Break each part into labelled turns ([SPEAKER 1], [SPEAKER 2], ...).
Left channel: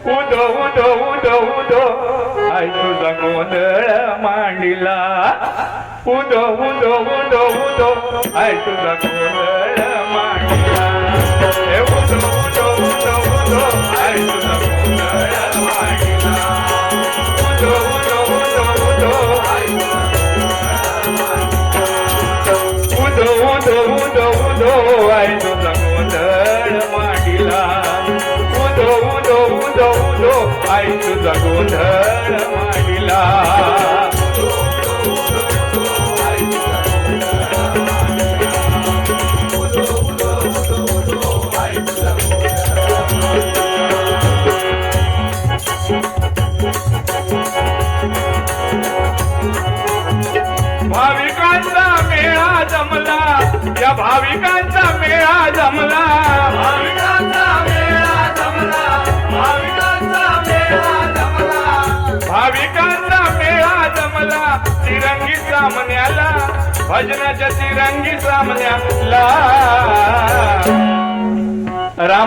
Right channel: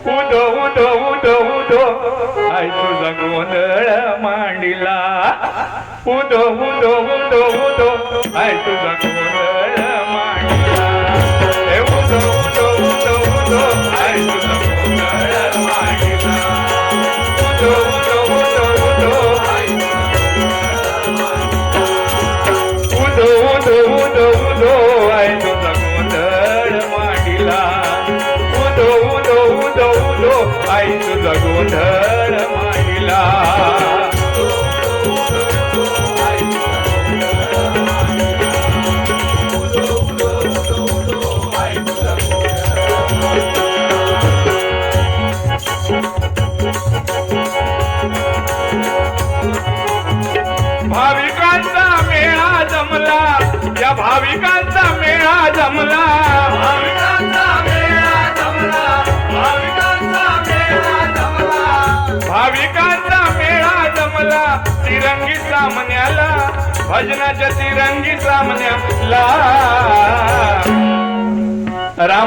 [SPEAKER 1] उदो उदो उदो उदो आई तुझा गोंधळ मांडिला. उदो उदो उदो उदो आई तुझा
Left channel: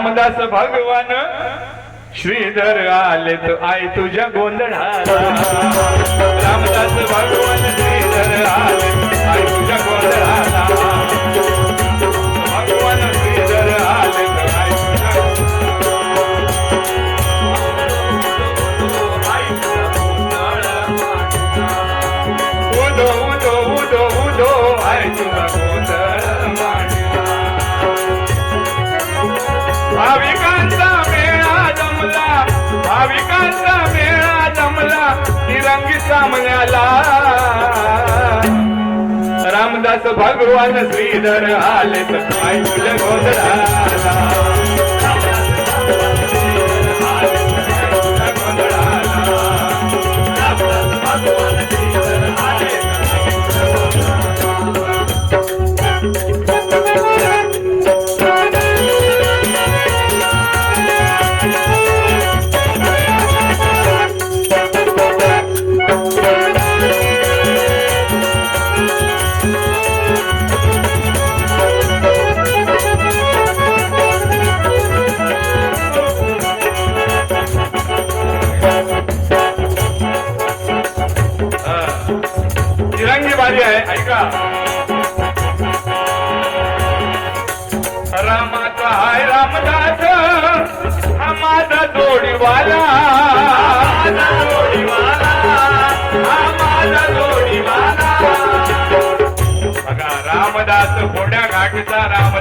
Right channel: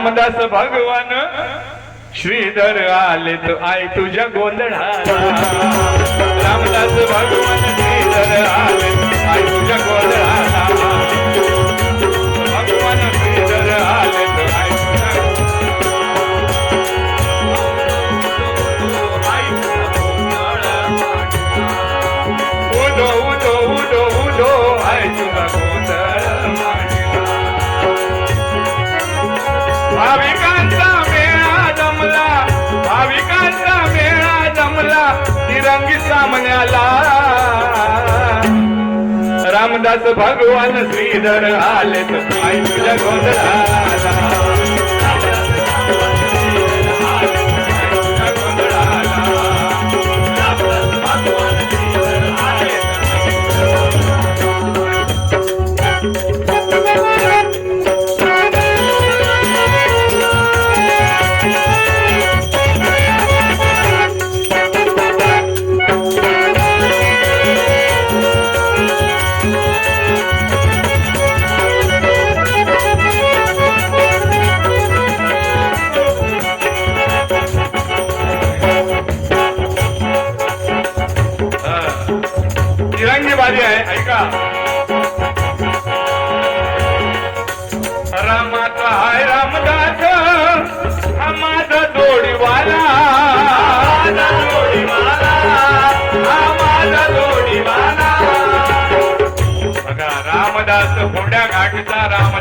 [SPEAKER 1] रामदास भगवान श्रीधर आले तर आई तुझ्या गोंधळ रामदास भगवान रामदास भगवान श्रीधर आले तो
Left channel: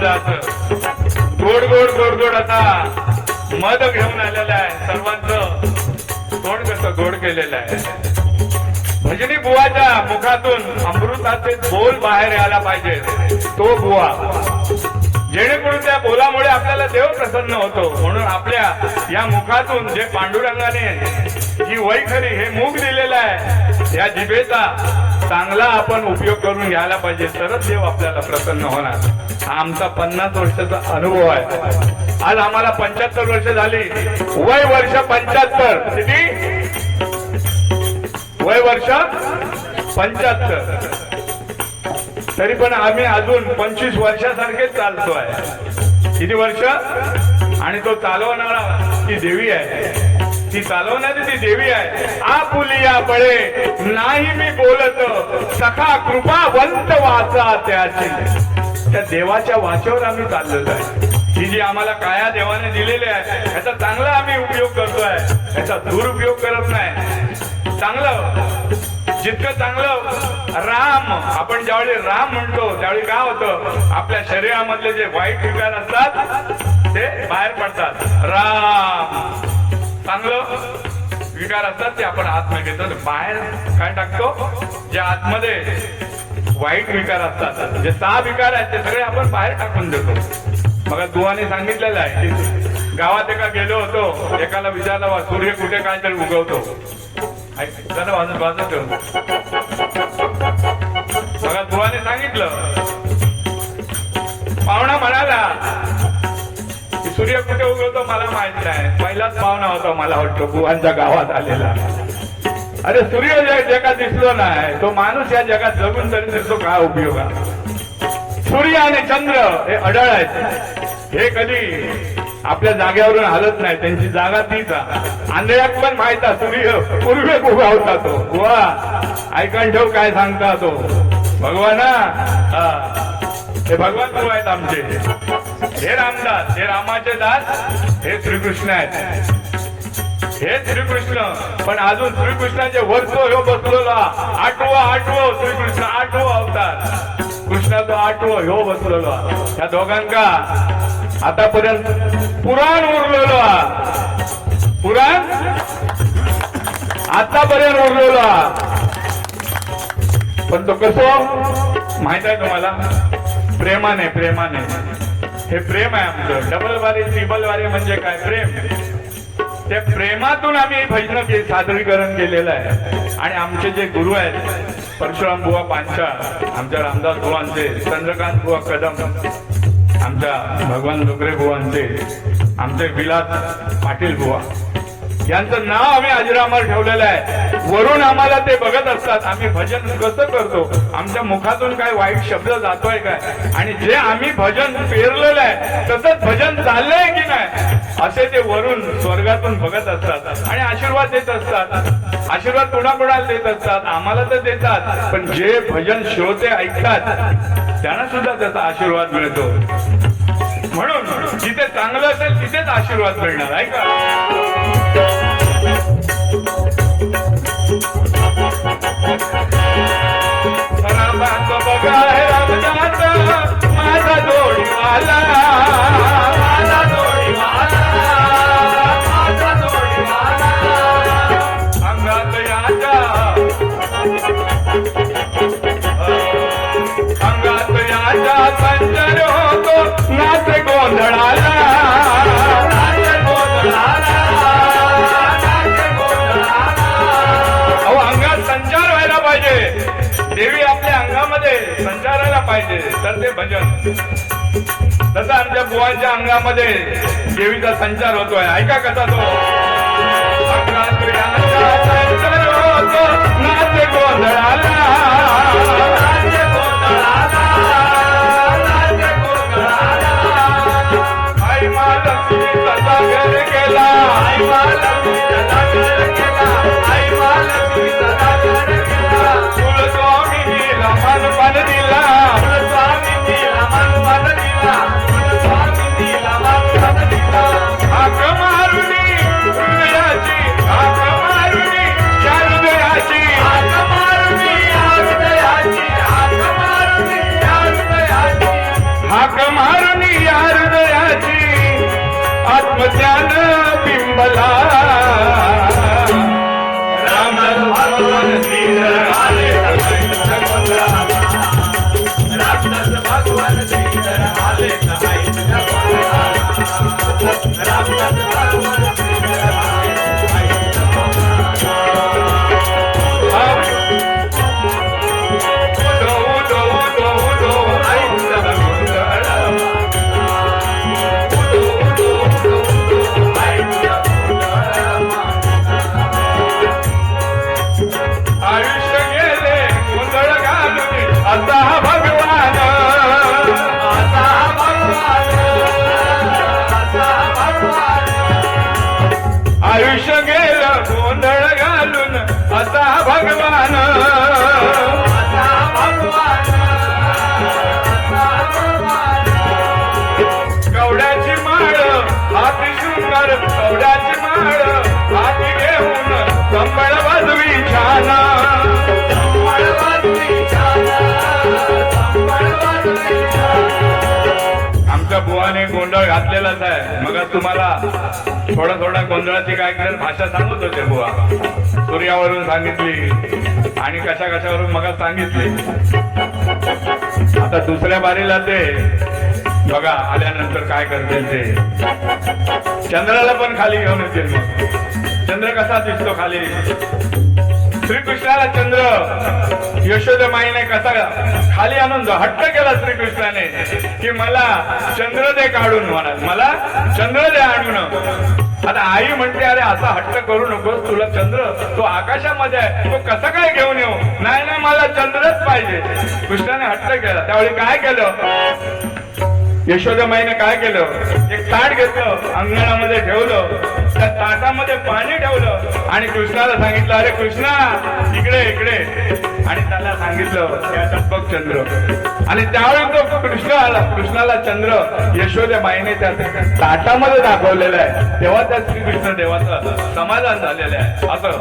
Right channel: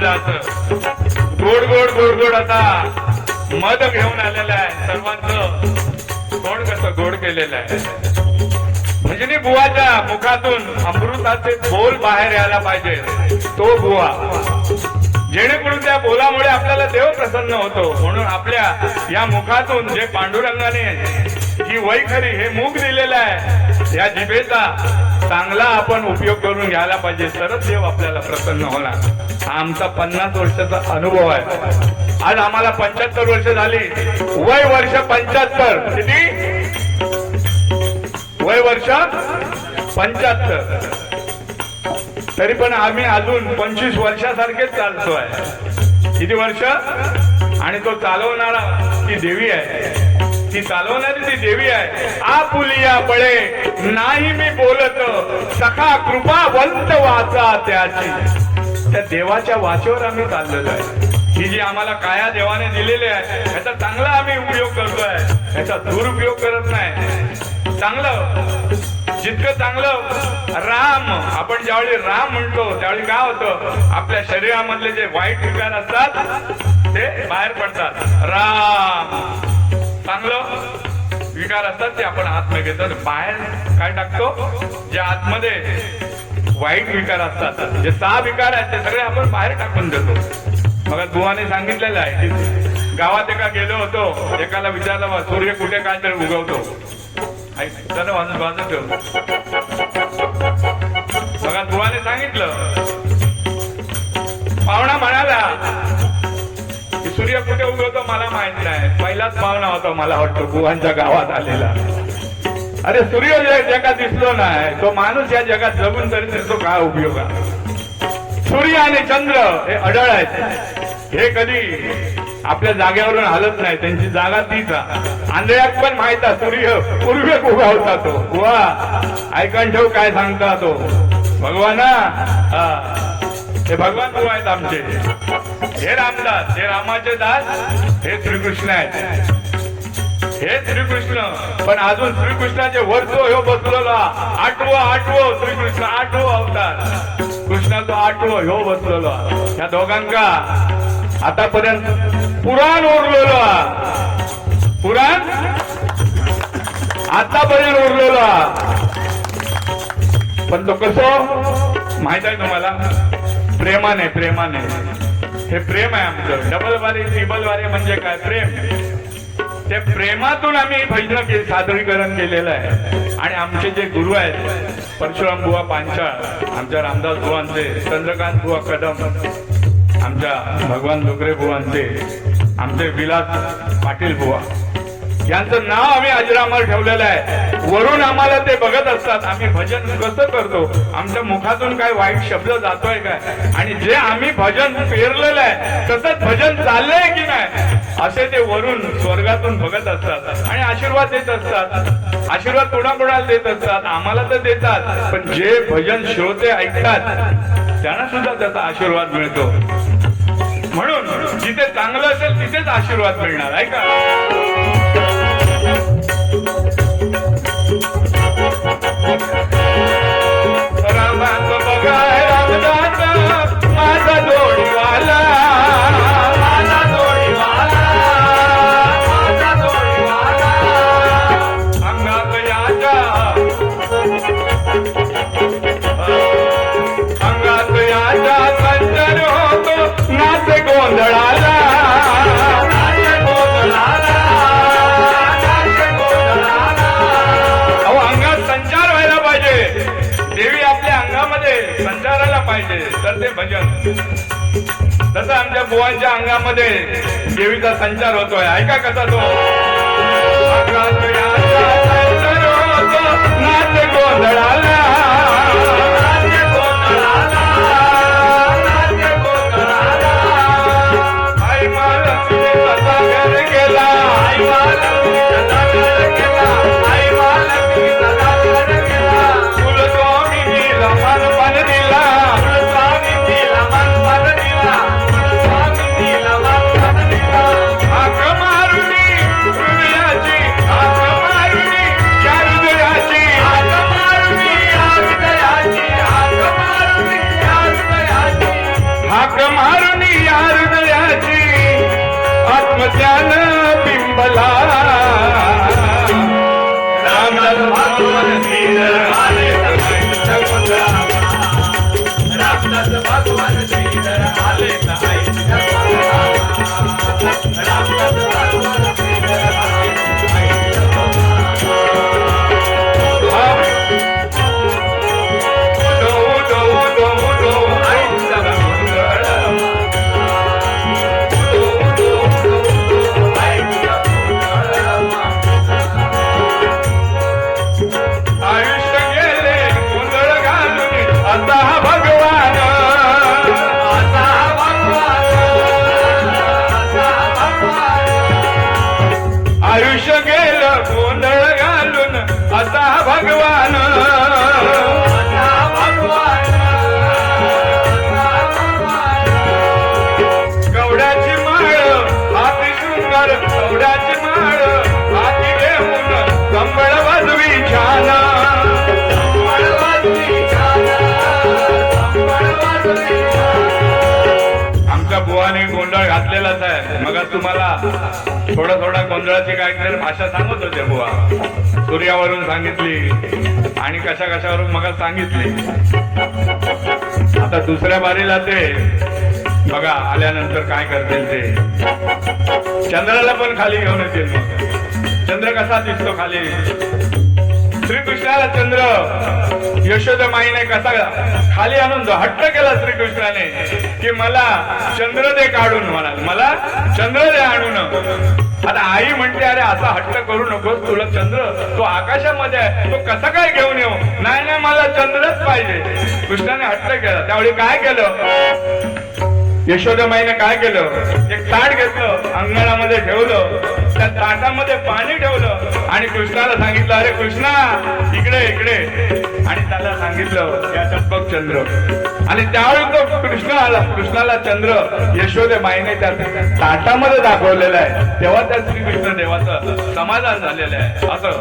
[SPEAKER 1] घाटीचा गोड गोड गोड गोड असा मध घेऊन आलेला आहे सर्वांचं. गोड कसं गोड केलेलं आहे. म्हणजे भजनी बुवाच्या मुखातून अमृताचे बोल बाहेर यायला पाहिजे. तो बुवा. जेणेकरून त्या बोलामुळे आपल्याला देव प्रसन्न होतो. म्हणून आपल्या या मुखातून जे पांडुरंगाने ही वैखरी हे मुख दिलेलं आहे या जिभेचा चांगला आपण उपयोग करून घ्यायला पाहिजे तरच देव आपल्याला प्रसन्न होणार. हा आमचा पन्नास वर्षाचा अनुभव आहे. आज आम्हाला पंच्याहत्तर वर्ष झाली. वय वर्ष पंच्याहत्तर. किती? वय वर्ष पंच्याहत्तर. तरी पण आम्ही अजून पंचवीस वर्षासारखेच चालतोय. किती वर्ष? आणि तो चालवणारा ती देवी आहे. ती चालवणारी ती देवी आहे आपुलिया बळे नाही मी बोलत. सखा कृपा वंत वाचा त्याची. त्या देवाच्या वाचेवर आम्ही चाललेलो आहे. ही जी आम्हाला काया देवाने दिलेली आहे याचा चांगला आम्ही उपयोग करतोय. याचा दुरुपयोग करत नाही. चांगलं. जितकं चांगलं राम. आपण ज्यावेळी राम म्हणतो त्यावेळी काय होतं? आपल्या शरीरामधले जे वाईट विकार असतात ते बाहेर पडतात. राम. चांगलं विकार असतात ते आपण आतमध्ये घेतो बाहेर काय टाकतो? जे आतमध्ये वाईट विकार असतात. जे सहा विकार आहेत ते सगळे आपण बाहेर टाकून देतो. मग बुवाने सांगितलेलं आहे की गावात एका गेलो होतो एकाला विचारला बा सूर्य कुठे काय तरी उगवतो. त्याला बघा दुवाने सांगितलं. पाहुणा म्हणाला सूर्य कुठे उगवतो मला माहीत नाही. पहिलाच पाहुणा होता मला वाटतो बुवांच्या गावात आलेला. अरे सूर्य जे जगात दिसलो नाही तो माणूस या जगात जगून तरी तो काय उपयोग आहे? सूर्य आणि चंद्र हे अडळ आहेत. हे कधी आपल्या जागेवरून हलत नाही त्यांची जागा तीच आहे. आंधळ्यात पण माहीत आहे सूर्य सूर्य कुठं होता तो वा ऐकून ठेव काय सांगता तो. भगवान हे भगवान कोण आहेत आमचे. हे रामदास हे रामाचे दास हे श्रीकृष्ण आहेत. हे श्रीकृष्ण पण अजून श्रीकृष्णाचे वर्ष हे बसलेला आठवा आठवो श्रीकृष्ण आठवो अवतार. कृष्णाचा आठवो ह्यो बसलेला. त्या दोघांका आतापर्यंत पुराण उरलेला. पुराण? आतापर्यंत उरलेला. पण तो कसं? माहीत आहे तुम्हाला? प्रेमाने प्रेमाने. हे प्रेम आहे आमचं. डबल वारे ट्रिबल वारे म्हणजे काय? प्रेम. त्या प्रेमातून आम्ही भजन के सादरीकरण केलेलं आहे. आणि आमचे जे गुरु आहेत परशुराम बुवा पांचाळ आमच्या रामदास बुवांचे चंद्रकांत बुवा कदम आमच्या भगवान डोकरे बुवांचे आमचे विलास पाटील बुवा. यांचं नाव आम्ही अजरामर ठेवलेलं आहे. वरून आम्हाला ते बघत असतात आम्ही भजन कसं करतो? आमच्या मुखातून काय वाईट शब्द जातोय काय? आणि जे आम्ही भजन पेरलेलं आहे तसंच भजन चाललंय की नाही? असे ते वरून स्वर्गातून बघत असतात. आणि आशीर्वाद देत असतात. आशीर्वाद कोणाकोणाला देत असतात? आम्हाला तर देतात. पण जे भजन श्रोते ऐकतात त्यांना सुद्धा त्याचा आशीर्वाद मिळतो. म्हणून जिथे चांगलं असेल तिथेच आशीर्वाद मिळणार ऐका अहो तसं आमच्या गुवाच्या अंगामध्ये देवीचा संचार होतोय? ऐका कसा तो? नाट्य राम राम आमच्या बुवाने गोंधळ घातलेलाच आहे. मग तुम्हाला थोडा थोडा गोंधळाचे काय काय भाषा सांगत होते बुवा. सूर्यावरून सांगितली आणि कशा कशावरून मग सांगितली. आता दुसऱ्या बारीला ते बघा आल्यानंतर काय करतील ते. चंद्राला पण खाली घेऊन येतील. चंद्र कसा दिसतो खाली? श्रीकृष्णाला चंद्र. यशोदा माईने कसा खाली आणून हट्ट केला श्रीकृष्णाने. की मला चंद्र दे काढून म्हणाल. मला चंद्र दे आणून आता आई म्हणते अरे असा हट्ट करू नकोस तुला चंद्र. तो आकाशामध्ये आहे. तो कसा काय घेऊन येऊ? नाही ना मला चंद्रच पाहिजे. कृष्णाने हट्ट केला. त्यावेळी काय केलं? यशोदाबाईने काय केलं? एक ताट घेतलं अंगणामध्ये ठेवलं. त्या ताटामध्ये पाणी ठेवलं. आणि कृष्णाला सांगितलं अरे कृष्णा इकडे इकडे. आणि त्याला सांगितलं या टप्पक चंद्र. आणि त्यावेळी तो कृष्ण आला कृष्णाला चंद्र यशोदेबाईने त्या ताटामध्ये दाखवलेला आहे. तेव्हा त्या श्रीकृष्ण देवाचं समाधान झालेलं आहे. असं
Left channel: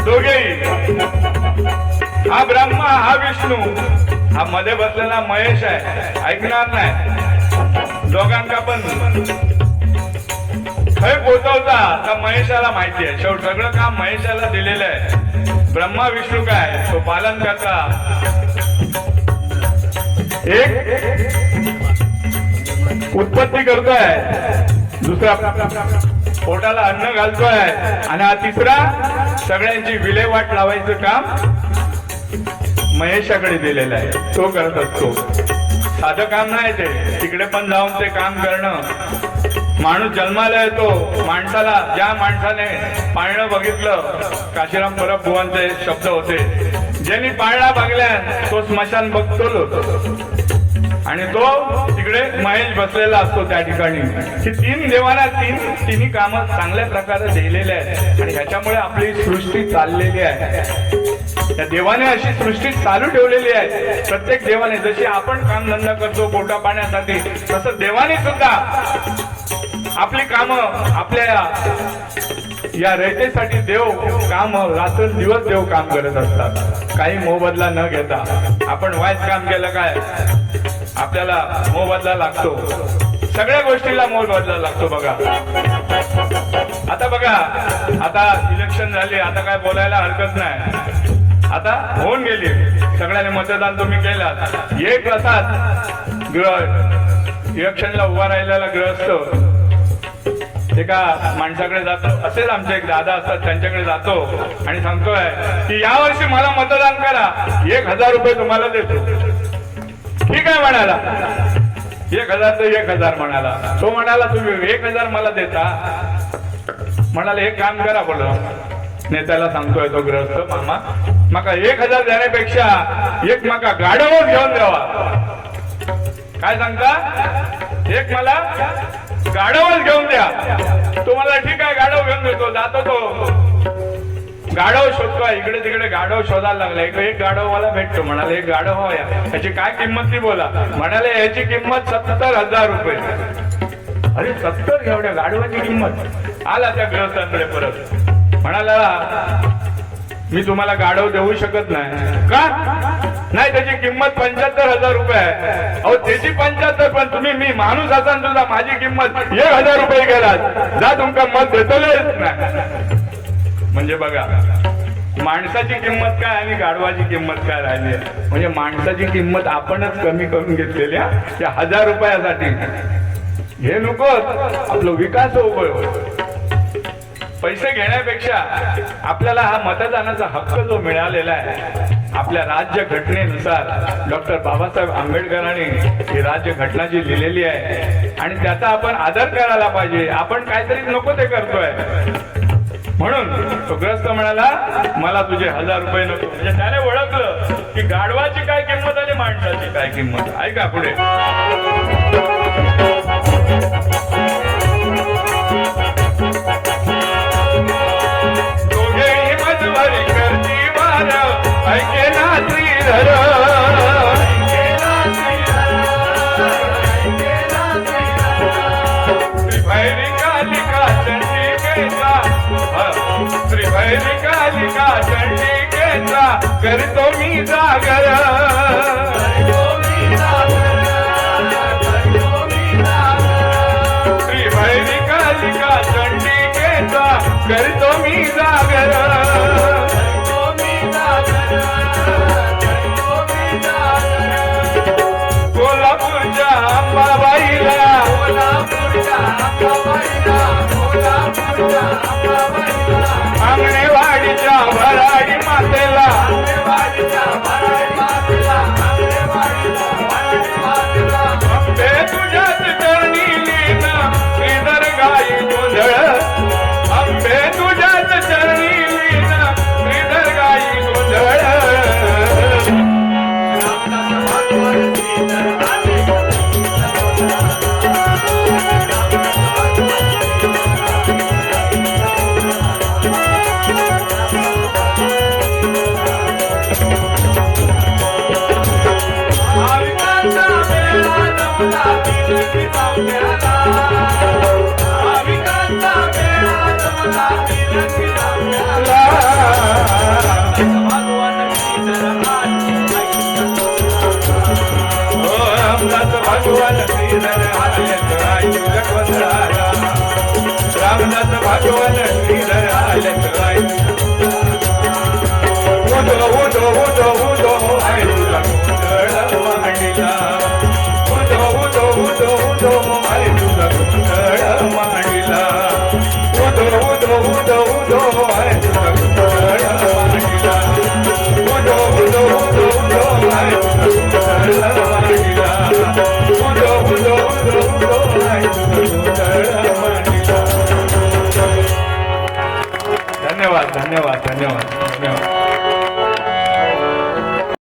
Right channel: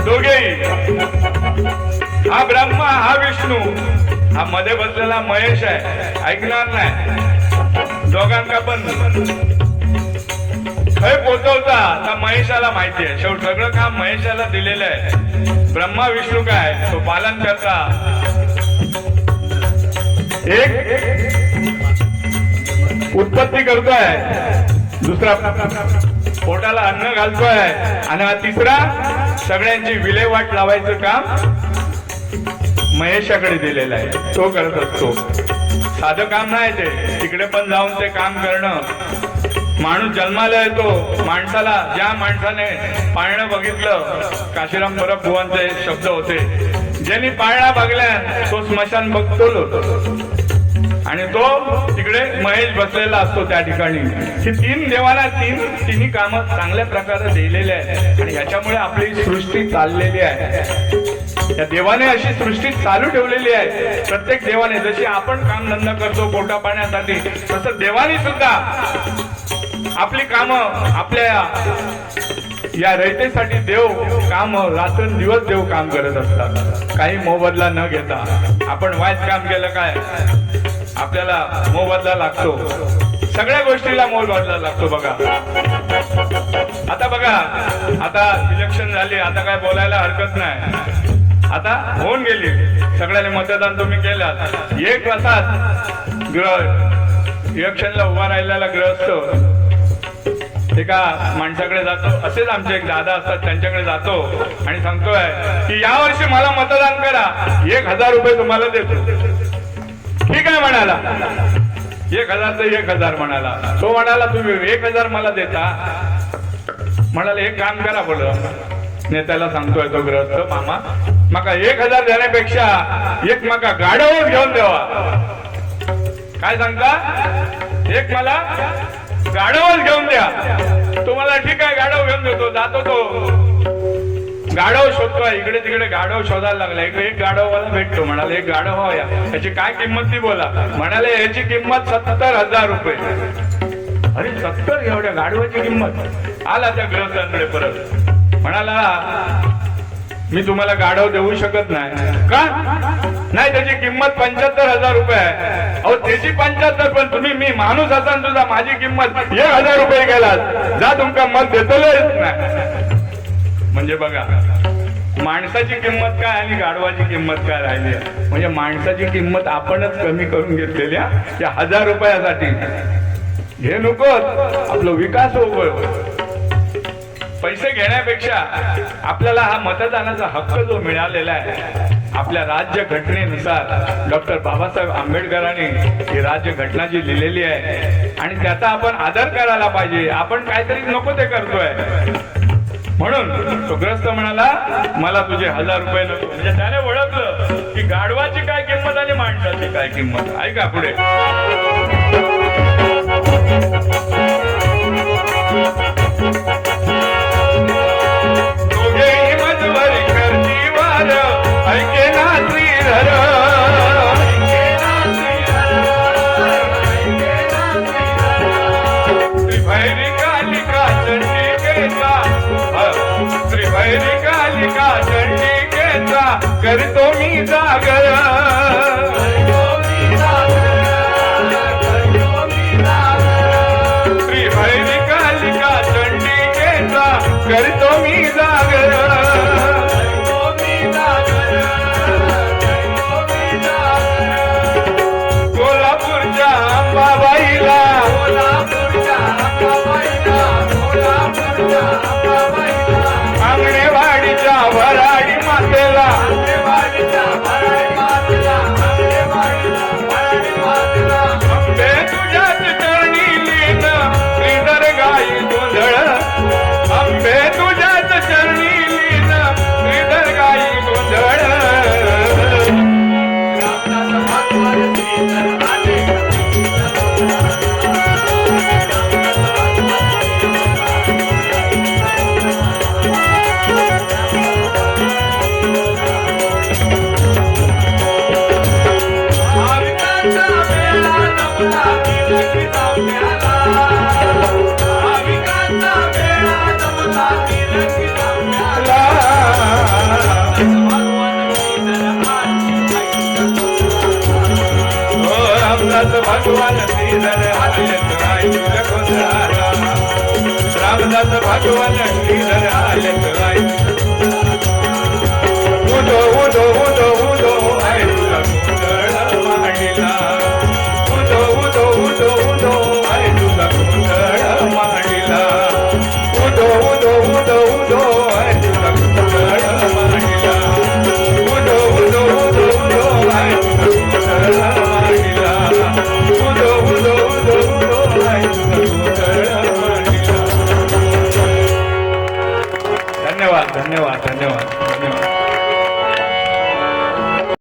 [SPEAKER 1] दोघे. हा ब्रह्मा हा विष्णू. हा मध्ये बसलेला महेश आहे. ऐकणार नाही. दोघांना पण. खय पोचवता त्या महेशाला माहिती आहे. शेवट सगळं काम महेशाला दिलेलं आहे. ब्रह्मा विष्णू काय? तो पालन करता. एक उत्पत्ती करतोय. दुसरा पोटाला अन्न घालतोय. आणि हा तिसरा सगळ्यांची विल्हेवाट लावायचं काम महेशाकडे दिलेलं आहे. तो करत असतो. साधं काम नाही ते. तिकडे पण जाऊन ते काम करणं. माणूस जन्माला येतो. माणसाला ज्या माणसाने पाळणं बघितलं काशीराम परब भुवांचे शब्द होते. ज्यांनी पाळणा बघलाय तो स्मशान बघतो आणि तो तिकडे महेश बसलेला असतो त्या ठिकाणी. ही तीन देवाला तीन तिन्ही कामं चांगल्या प्रकारे दिलेले आहेत. आणि ह्याच्यामुळे आपली सृष्टी चाललेली आहे. त्या देवाने अशी सृष्टी चालू ठेवलेली आहे. प्रत्येक देवाने जशी आपण काम धंदा करतो पोटा पाण्यासाठी तसं देवाने सुद्धा आपली कामं आपल्या या रयतेसाठी देव काम रात्र दिवस देव काम करत असतात. काही मोबदला न घेता आपण वाईट काम केलं काय? आपल्याला मोबदला लागतो. सगळ्या गोष्टीला मोबदला लागतो बघा. आता बघा आता इलेक्शन झाले आता काय बोलायला हरकत नाही. आता होऊन गेली. सगळ्यांनी मतदान तुम्ही केलं. एक असाच ग्रह इलेक्शनला उभा राहिलेला ग्रहस्थ एका माणसाकडे जातो असेच आमचे एक दादा असतात त्यांच्याकडे जातो आणि सांगतोय की यावर्षी मला मतदान करा. एक हजार रुपये तुम्हाला देतो. ठीक आहे म्हणाला. एक हजार तर एक हजार म्हणाला. तो म्हणाला तुम्ही एक हजार मला देता. म्हणाला एक काम करा बोल. नेत्याला सांगतोय तो ग्रस्त मामा मका एक हजार देण्यापेक्षा एक मका गाड्यावर घेऊन द्यावा काय सांगता? एक मला गाड्यावर घेऊन द्या. तुम्हाला ठीक आहे गाडव घेऊन देतो जातो तो. गाढव शोधतोय इकडे तिकडे गाढव शोधायला लागला. एक एक गाढववाला भेटतो म्हणाले एक गाढव हवया याची काय किंमत ती बोला. म्हणाले याची किंमत सत्तर हजार रुपये. अरे सत्तर? एवढ्या गाडवाची किंमत. आला त्या ग्रस्तांकडे परत. म्हणाला मी तुम्हाला गाढव देऊ शकत नाही. का? नाही त्याची किंमत पंच्याहत्तर हजार रुपये आहे. अहो त्याची पंच्याहत्तर पण तुम्ही मी माणूस असाल तुझा माझी किंमत एक हजार रुपये गेलात जा तुमका मत नाही म्हणजे बघा माणसाची किंमत काय आणि गाढवाची किंमत काय राहिली आहे? म्हणजे माणसाची किंमत आपणच कमी करून घेतलेली आहे. त्या हजार रुपयासाठी हे नकोच आपलं विकास होवळ पैसे घेण्यापेक्षा आपल्याला हा मतदानाचा हक्क जो मिळालेला आहे आपल्या राज्य घटनेनुसार डॉक्टर बाबासाहेब आंबेडकरांनी ही राज्य घटना जी लिहिलेली आहे आणि त्याचा आपण आदर करायला पाहिजे. आपण काहीतरी नको ते करतोय. म्हणून तो ग्रस्त म्हणाला मला तुझे हजार रुपये नको. म्हणजे त्याने ओळखलं की गाढवाची काय किंमत आणि माणसाची काय किंमत. ऐका पुढे. चंडिकेचा, करतो अंबे तुझ्याच चरणी